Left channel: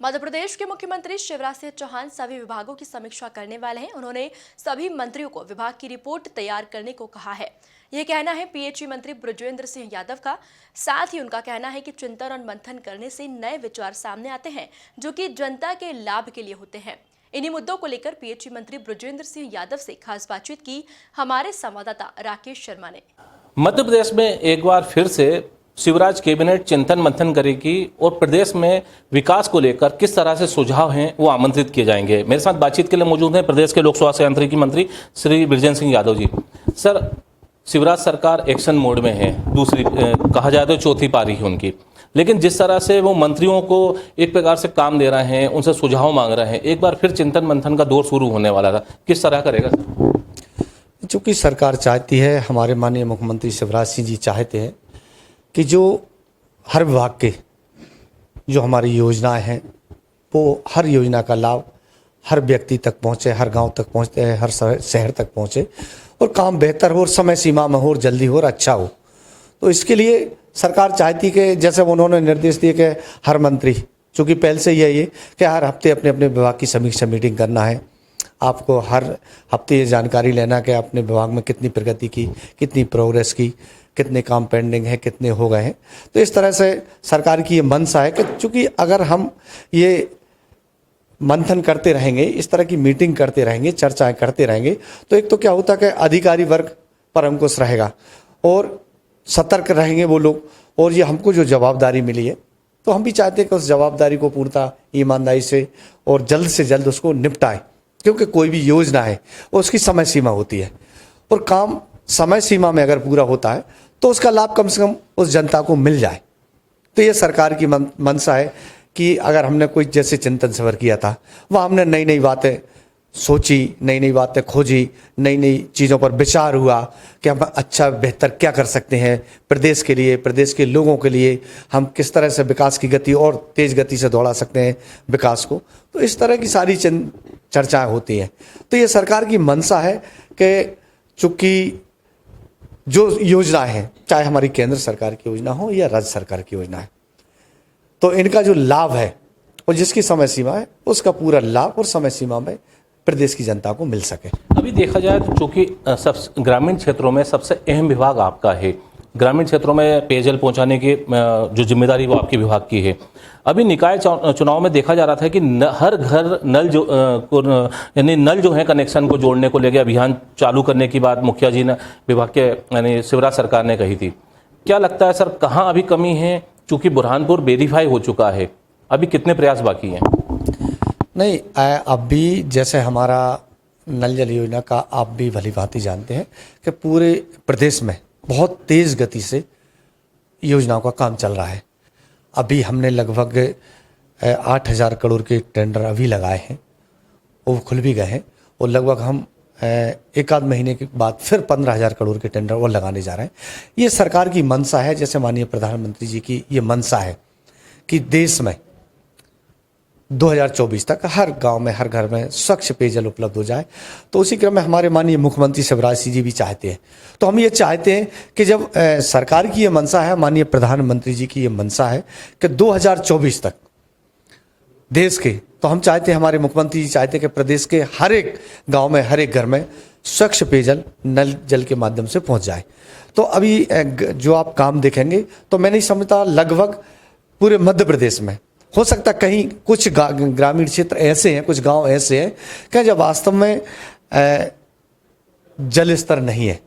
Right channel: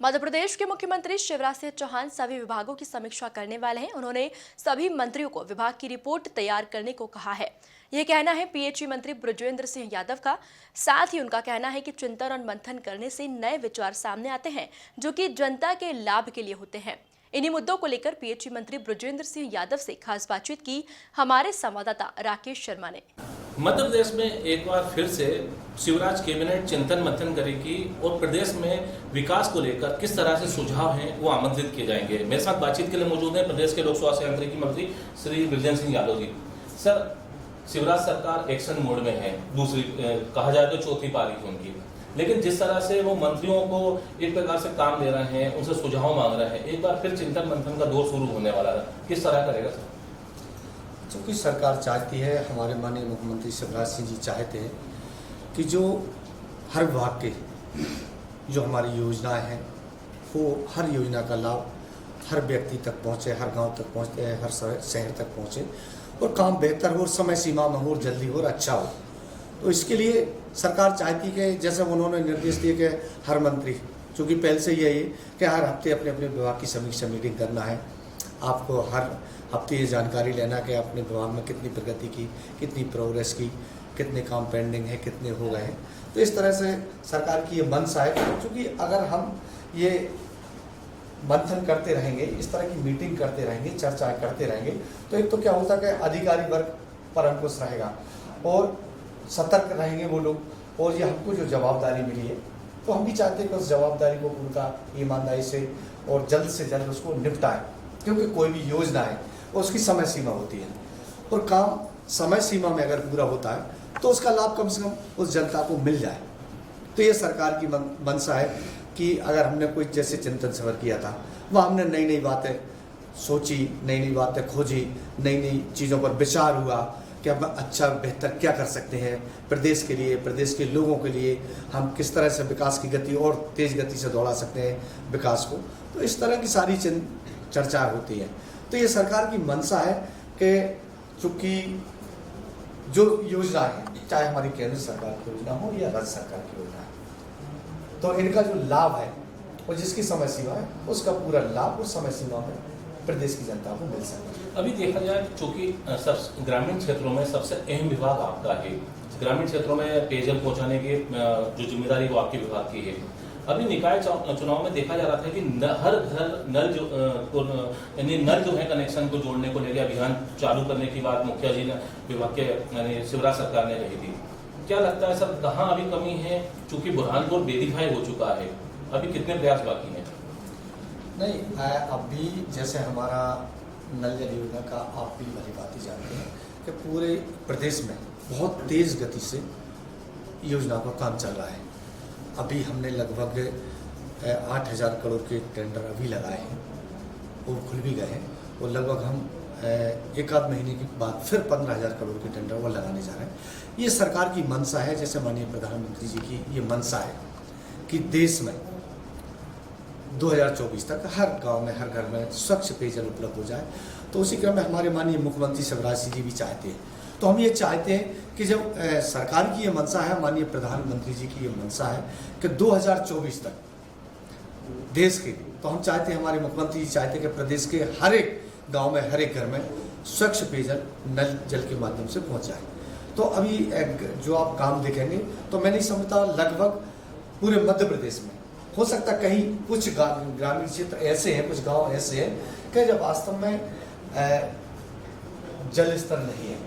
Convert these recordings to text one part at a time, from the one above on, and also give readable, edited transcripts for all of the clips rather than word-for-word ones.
मध्य प्रदेश के मुख्यमंत्री शिवराज सिंह चौहान सभी विभागों की समीक्षा करने वाले हैं। उन्होंने सभी मंत्रियों को विभाग की रिपोर्ट तैयार करने को कहा है। यह कहना है पीएचई मंत्री बृजेंद्र सिंह यादव का। साथ ही उनका कहना है कि चिंतन और मंथन करने से नए विचार सामने आते हैं जो कि जनता के लाभ के लिए होते हैं। इन्हीं मुद्दों को लेकर पीएचई मंत्री बृजेंद्र सिंह यादव से खास बातचीत की हमारे संवाददाता राकेश शर्मा ने। मध्य प्रदेश में एक बार फिर से शिवराज कैबिनेट चिंतन मंथन करेगी और प्रदेश में विकास को लेकर किस तरह से सुझाव हैं वो आमंत्रित किए जाएंगे। मेरे साथ बातचीत के लिए मौजूद हैं प्रदेश के लोक स्वास्थ्य यांत्रिकी मंत्री श्री बृजेंद्र सिंह यादव जी। सर, शिवराज सरकार एक्शन मोड में है, दूसरी कहा जाए तो चौथी पारी है उनकी, लेकिन जिस तरह से वो मंत्रियों को एक प्रकार से काम दे रहे हैं, उनसे सुझाव मांग रहे हैं, एक बार फिर चिंतन मंथन का दौर शुरू होने वाला था, किस तरह करेगा? चूँकि सरकार चाहती है, हमारे माननीय मुख्यमंत्री शिवराज सिंह जी चाहते हैं कि जो हर विभाग के जो हमारी योजनाएं हैं वो हर योजना का लाभ हर व्यक्ति तक पहुंचे, हर गांव तक पहुंचते हैं, हर शहर तक पहुंचे और काम बेहतर हो और समय सीमा में हो और जल्दी हो और अच्छा हो। तो इसके लिए सरकार चाहती कि जैसे उन्होंने निर्देश दिए कि हर मंत्री, चूँकि पहले से यही है कि हर हफ्ते अपने अपने विभाग की समीक्षा मीटिंग करना है, आपको हर हफ्ते ये जानकारी लेना कि अपने विभाग में कितनी प्रगति की, कितनी प्रोग्रेस की, कितने काम पेंडिंग है, कितने हो गए हैं। तो इस तरह से सरकार की ये मंशा है कि चूँकि अगर हम ये मंथन करते रहेंगे, इस तरह की मीटिंग करते रहेंगे, चर्चाएं करते रहेंगे, तो एक तो क्या होता है कि अधिकारी वर्ग पर अंकुश रहेगा और सतर्क रहेंगे वो लोग, और ये हमको जो जवाबदारी मिली है तो हम भी चाहते हैं कि उस जवाबदारी को पूर्णतः ईमानदारी से और जल्द से जल्द उसको निपटाएं, क्योंकि कोई भी योजना है उसकी समय सीमा होती है और काम समय सीमा में अगर पूरा होता है तो उसका लाभ कम से कम उस जनता को मिल जाए। तो ये सरकार की मंशा है कि अगर हमने कोई जैसे चिंतन सफर किया था, वहाँ हमने नई नई बातें सोची, नई नई बातें खोजी, नई नई चीज़ों पर विचार हुआ कि हम अच्छा बेहतर क्या कर सकते हैं प्रदेश के लिए, प्रदेश के लोगों के लिए, हम किस तरह से विकास की गति और तेज़ गति से दौड़ा सकते हैं विकास को। तो इस तरह की सारी चर्चाएँ होती हैं। तो ये सरकार की मंशा है कि चूँकि जो योजना है, चाहे हमारी केंद्र सरकार की योजना हो या राज्य सरकार की योजना है, तो इनका जो लाभ है और जिसकी समय सीमा है उसका पूरा लाभ और समय सीमा में प्रदेश की जनता को मिल सके। अभी देखा जाए तो चूँकि सब ग्रामीण क्षेत्रों में सबसे अहम विभाग आपका है, ग्रामीण क्षेत्रों में पेयजल पहुँचाने की जो जिम्मेदारी वो आपके विभाग की है। अभी निकाय चुनाव में देखा जा रहा था कि हर घर नल जो यानी नल जो है कनेक्शन को जोड़ने को लेकर अभियान चालू करने की बात मुखिया जी ने विभाग के यानी शिवराज सरकार ने कही थी। क्या लगता है सर, कहाँ अभी कमी है? चूँकि बुरहानपुर वेरीफाई हो चुका है, अभी कितने प्रयास बाकी हैं? नहीं, अभी जैसे हमारा नल जल योजना का आप भी भली भांति जानते हैं कि पूरे प्रदेश में बहुत तेज़ गति से योजनाओं का काम चल रहा है। अभी हमने लगभग 8,000 करोड़ के टेंडर अभी लगाए हैं, वो खुल भी गए हैं और लगभग हम एक आध महीने के बाद फिर 15,000 करोड़ के टेंडर और लगाने जा रहे हैं। ये सरकार की मंशा है, जैसे माननीय प्रधानमंत्री जी की ये मंशा है कि देश में 2024 तक हर गांव में, हर घर में स्वच्छ पेयजल उपलब्ध हो जाए। तो उसी क्रम में हमारे माननीय मुख्यमंत्री शिवराज सिंह जी भी चाहते हैं। तो हम ये चाहते हैं कि जब सरकार की ये मंशा है, माननीय प्रधानमंत्री जी की ये मंशा है कि 2024 तक देश के, तो हम चाहते हैं, हमारे मुख्यमंत्री जी चाहते हैं कि प्रदेश के हर एक गांव में, हर एक घर में स्वच्छ पेयजल नल जल के माध्यम से पहुंच जाए। तो अभी जो आप काम देखेंगे तो मैं नहीं समझता लगभग पूरे मध्य प्रदेश में, हो सकता कहीं कुछ ग्रामीण क्षेत्र ऐसे हैं, कुछ गाँव ऐसे हैं कि जब वास्तव में जल स्तर नहीं है,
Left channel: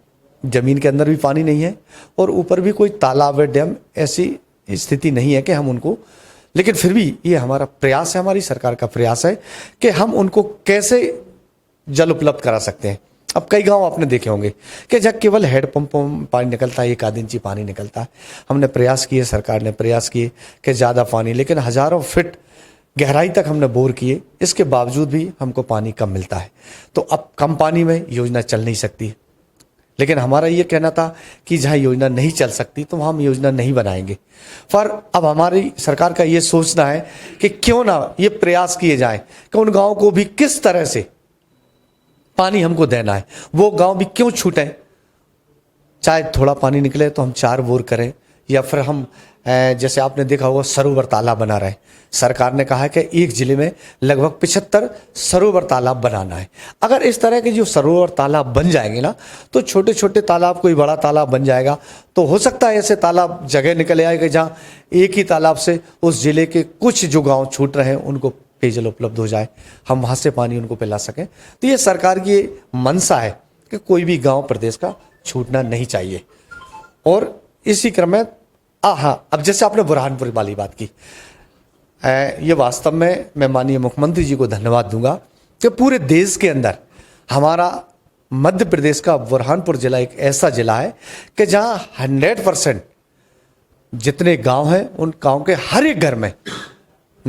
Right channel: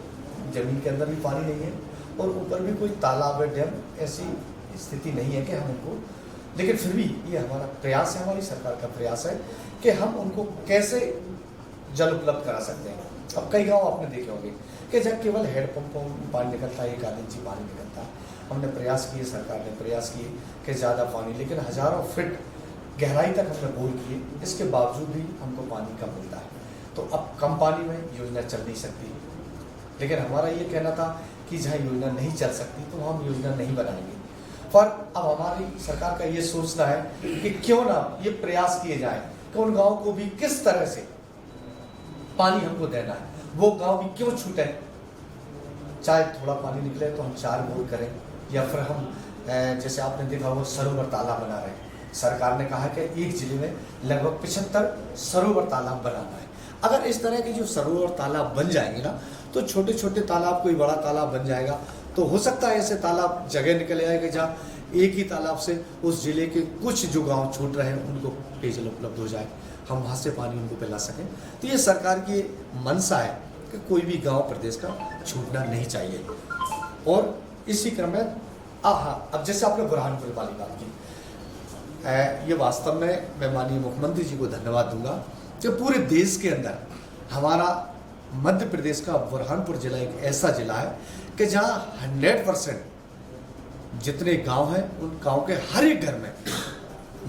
ज़मीन के अंदर भी पानी नहीं है और ऊपर भी कोई तालाब है, डैम, ऐसी स्थिति नहीं है कि हम उनको, लेकिन फिर भी ये हमारा प्रयास है, हमारी सरकार का प्रयास है कि हम उनको कैसे जल उपलब्ध करा सकते हैं। अब कई गांव आपने देखे होंगे कि जब केवल हैंडपंप पानी निकलता है, 1 आध इंची पानी निकलता है। हमने प्रयास किए, सरकार ने प्रयास किए कि ज़्यादा पानी, लेकिन हज़ारों फीट गहराई तक हमने बोर किए, इसके बावजूद भी हमको पानी कम मिलता है। तो अब कम पानी में योजना चल नहीं सकती, लेकिन हमारा ये कहना था कि जहाँ योजना नहीं चल सकती तो वहाँ हम योजना नहीं बनाएंगे। पर अब हमारी सरकार का ये सोचना है कि क्यों ना ये प्रयास किए जाएं कि उन गाँव को भी किस तरह से पानी हमको देना है, वो गांव भी क्यों छूटें, चाहे थोड़ा पानी निकले तो हम 4 बोर करें, या फिर हम जैसे आपने देखा होगा सरोवर तालाब बना रहे हैं, सरकार ने कहा है कि एक ज़िले में लगभग 75 सरोवर तालाब बनाना है। अगर इस तरह के जो सरोवर तालाब बन जाएंगे ना, तो छोटे छोटे तालाब कोई बड़ा तालाब बन जाएगा। तो हो सकता है ऐसे तालाब जगह निकल आएगा जहाँ एक ही तालाब से उस ज़िले के कुछ जो गांव छूट रहे हैं उनको पेयजल उपलब्ध हो जाए, हम वहाँ से पानी उनको पिला सकें। तो ये सरकार की मंशा है कि कोई भी गाँव प्रदेश का छूटना नहीं चाहिए। और इसी क्रम में हाँ, अब जैसे आपने बुरहानपुर वाली बात की, ये वास्तव में मैं माननीय मुख्यमंत्री जी को धन्यवाद दूंगा कि पूरे देश के अंदर हमारा मध्य प्रदेश का बुरहानपुर जिला एक ऐसा जिला है कि जहां 100% जितने गांव हैं उन गांव के हर एक घर में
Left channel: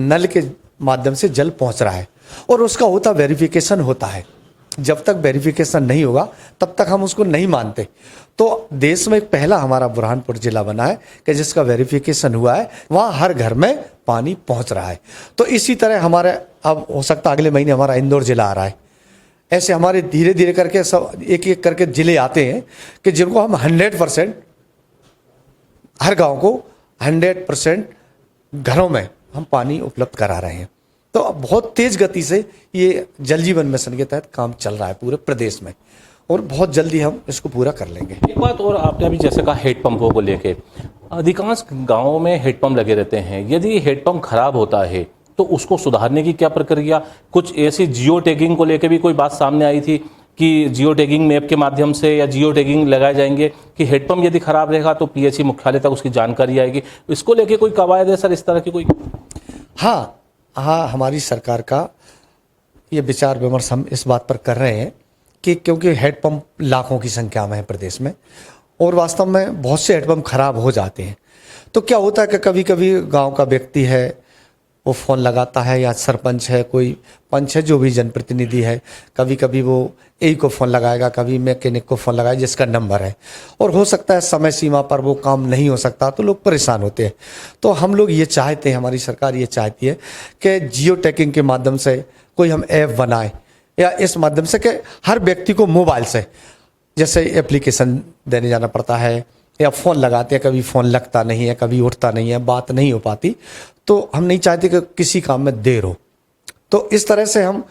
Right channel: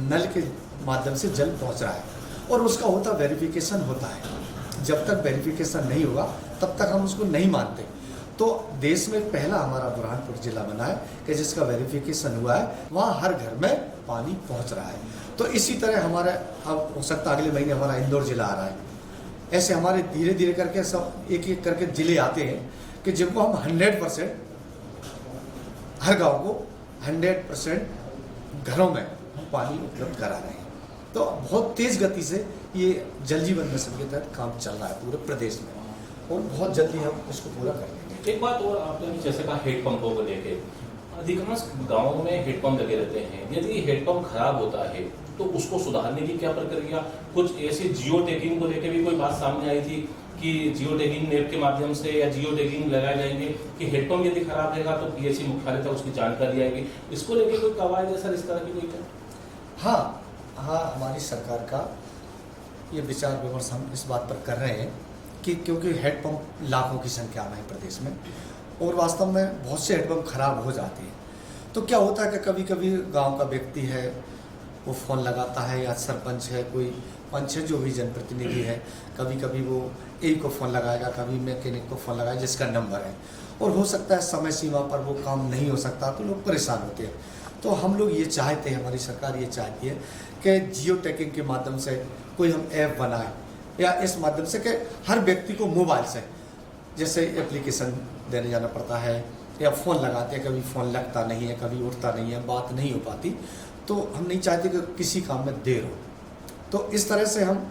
नल के माध्यम से जल पहुंच रहा है और उसका होता वेरिफिकेशन होता है। जब तक वेरिफिकेशन नहीं होगा तब तक हम उसको नहीं मानते। तो देश में पहला हमारा बुरहानपुर जिला बना है कि जिसका वेरिफिकेशन हुआ है, वहाँ हर घर में पानी पहुँच रहा है। तो इसी तरह हमारे अब हो सकता है अगले महीने हमारा इंदौर जिला आ रहा है। ऐसे हमारे धीरे धीरे करके सब एक एक करके जिले आते हैं कि जिनको हम 100% हर गांव को 100% घरों में हम पानी उपलब्ध करा रहे हैं। तो बहुत तेज़ गति से ये जल जीवन मिशन के तहत काम चल रहा है पूरे प्रदेश में और बहुत जल्दी हम इसको पूरा कर लेंगे। एक बात और, आपने अभी जैसे कहा हेडपंपों को लेके, अधिकांश गांवों में हेडपंप लगे रहते हैं। यदि हेडपंप खराब होता है तो उसको सुधारने की क्या प्रक्रिया? कुछ ऐसी जियो टैगिंग को लेकर भी कोई बात सामने आई थी कि जियो टैगिंग मैप के माध्यम से या जियो टैगिंग लगाए जाएंगे कि हेडपंप यदि खराब रहेगा तो पीएचई मुख्यालय तक उसकी जानकारी आएगी। इसको लेके कोई कवायद है सर, इस तरह की कोई? हाँ, हमारी सरकार का ये विचार विमर्श हम इस बात पर कर रहे हैं कि क्योंकि हेडपंप लाखों की संख्या में है प्रदेश में और वास्तव में बहुत से हेडपंप खराब हो जाते हैं। तो क्या होता है कि कभी कभी गांव का व्यक्ति है वो फ़ोन लगाता है या सरपंच है, कोई पंच है, जो भी जनप्रतिनिधि है, कभी कभी वो ए को फ़ोन लगाएगा, कभी मैकेनिक को फ़ोन लगाएगा जिसका नंबर है, और हो सकता है समय सीमा पर वो काम नहीं हो सकता तो लोग परेशान होते हैं। तो हम लोग ये चाहते हैं, हमारी सरकार ये चाहती है कि जियो टैगिंग के माध्यम से कोई हम ऐप बनाए या इस माध्यम से कि हर व्यक्ति को मोबाइल से जैसे एप्लीकेशन देने जाना पड़ता है या फ़ोन लगाते हैं, कभी फ़ोन लगता नहीं है, कभी उठता नहीं है, बात नहीं हो पाती। तो हम नहीं चाहते कि किसी काम में देर हो। तो इस तरह से हम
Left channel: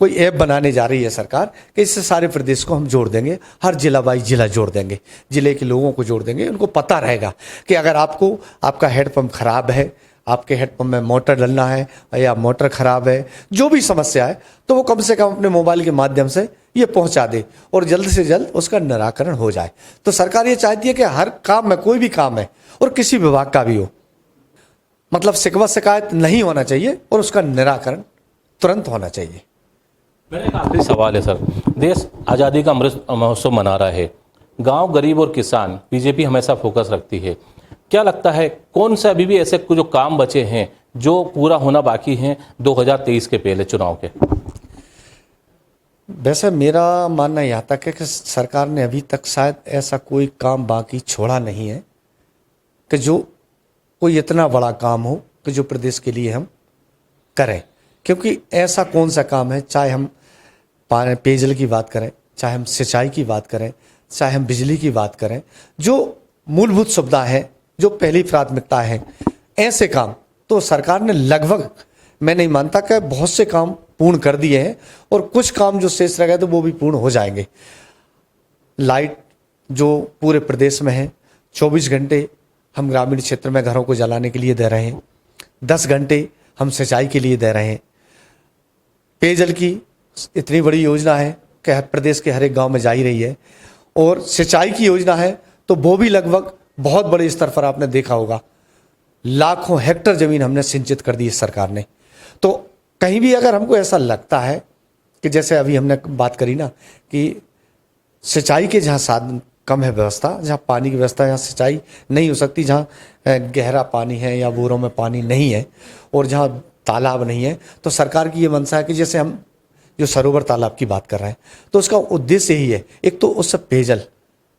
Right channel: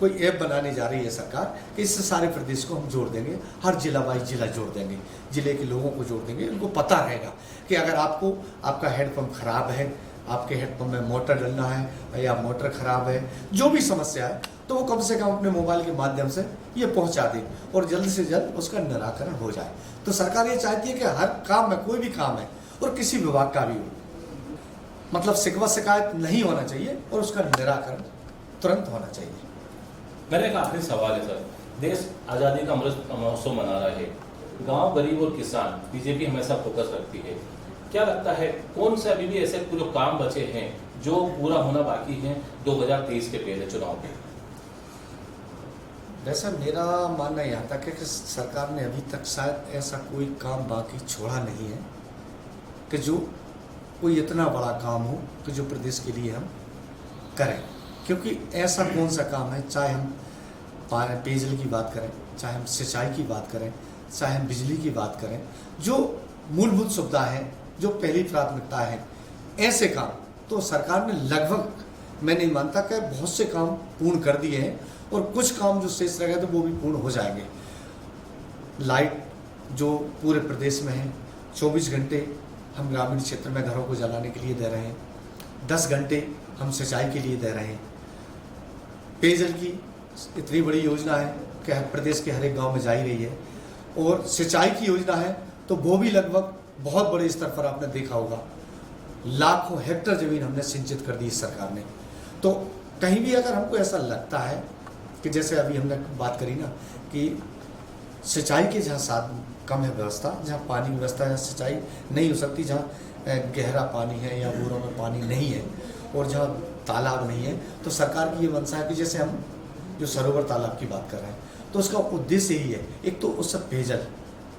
कोई ऐप बनाने जा रही है सरकार कि इससे सारे प्रदेश को हम जोड़ देंगे, हर जिला वाइज जिला जोड़ देंगे, जिले के लोगों को जोड़ देंगे। उनको पता रहेगा कि अगर आपको आपका हेडपंप ख़राब है, आपके हेडपंप में मोटर डलना है या मोटर ख़राब है, जो भी समस्या है, तो वो कम से कम अपने मोबाइल के माध्यम से ये पहुंचा दे और जल्द से जल्द उसका निराकरण हो जाए। तो सरकार ये चाहती है कि हर काम में, कोई भी काम है और किसी विभाग का भी हो, मतलब शिकवा शिकायत नहीं होना चाहिए और उसका निराकरण तुरंत होना चाहिए। मेरा एक आखिरी सवाल है सर, देश आज़ादी का अमृत महोत्सव मना रहा है, गांव, गरीब और किसान बीजेपी हमेशा फोकस रखती है। क्या लगता है कौन से अभी भी ऐसे कुछ जो काम बचे हैं जो पूरा होना बाकी हैं 2023 के पहले चुनाव के? वैसे मेरा मानना यहाँ तक है कि सरकार ने अभी तक शायद ऐसा कोई काम बाकी छोड़ा नहीं है कि जो कोई इतना बड़ा काम हो कि जो प्रदेश के लिए हम करें। क्योंकि ऐसा कौन सा काम है, चाहे हम पेयजल की बात करें, चाहे हम सिंचाई की बात करें, चाहे हम बिजली की बात करें, जो मूलभूत सुविधा है, जो पहली प्राथमिकता है, ऐसे काम तो सरकार ने लगभग, मैं नहीं मानता कि बहुत से काम पूर्ण कर दिए हैं और कुछ काम जो शेष रह गए तो वो भी पूर्ण हो जाएंगे। लाइट जो पूरे प्रदेश में है, 24 घंटे हम ग्रामीण क्षेत्र में घरों को जलाने के लिए दे रहे हैं, 10 घंटे हम सिंचाई के लिए दे रहे हैं। पेयजल की इतनी बड़ी योजना है कि प्रदेश के हर एक गांव में जा ही रही है, और सिंचाई की योजना है तो वो भी लगभग बहुत बड़े स्तर पर आपने देखा होगा, लाखों हेक्टर ज़मीन हमने सिंचित कर दी इस सरकार ने। तो कहीं भी अगर हमको ऐसा लगता है कि जैसे अभी हमने बात करी ना कि सिंचाई के जहाँ साधन कम है, व्यवस्था जहाँ पानी की व्यवस्था, जहाँ सिंचाई नहीं हो सकती, जहाँ गहरा पानी है या बोरों में पानी नहीं है और जहाँ तालाब नहीं है, तो सरकार की ये मंशा है कि जैसे हम जो सरोवर तालाब की बात कर रहे हैं तो उसका उद्देश्य यही है, एक तो उससे पेयजल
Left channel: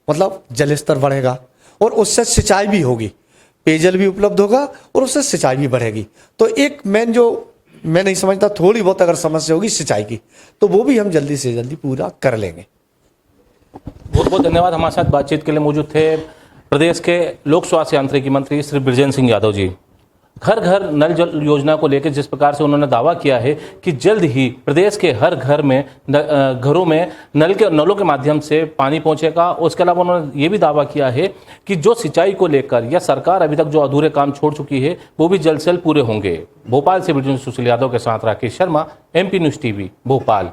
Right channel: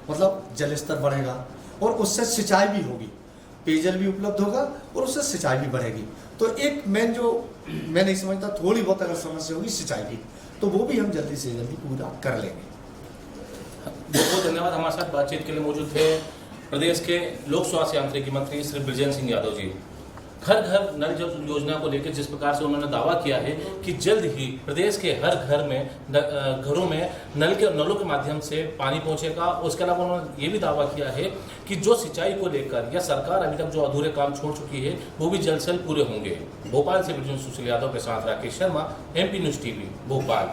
मतलब जल स्तर बढ़ेगा और उससे सिंचाई भी होगी, पेयजल भी उपलब्ध होगा और उससे सिंचाई भी बढ़ेगी। तो एक मेन जो मैं नहीं समझता, थोड़ी बहुत अगर समस्या होगी सिंचाई की, तो वो भी हम जल्दी से जल्दी पूरा कर लेंगे। बहुत बहुत धन्यवाद। हमारे साथ बातचीत के लिए मौजूद थे प्रदेश के लोक स्वास्थ्य यांत्रिकी मंत्री श्री बृजेंद्र सिंह यादव जी। घर घर नल जल योजना को लेकर जिस प्रकार से उन्होंने दावा किया है कि जल्द ही प्रदेश के हर घर में घरों में नलों के माध्यम से पानी पहुंचेगा। उसके अलावा उन्होंने ये भी दावा किया है कि जो सिंचाई को लेकर या सरकार अभी तक जो अधूरे काम छोड़ चुकी है वो भी जल्द से जल्द पूरे होंगे। भोपाल से वीडियो सुशील यादव के साथ Rakesh Sharma, MP news TV, Bhopal.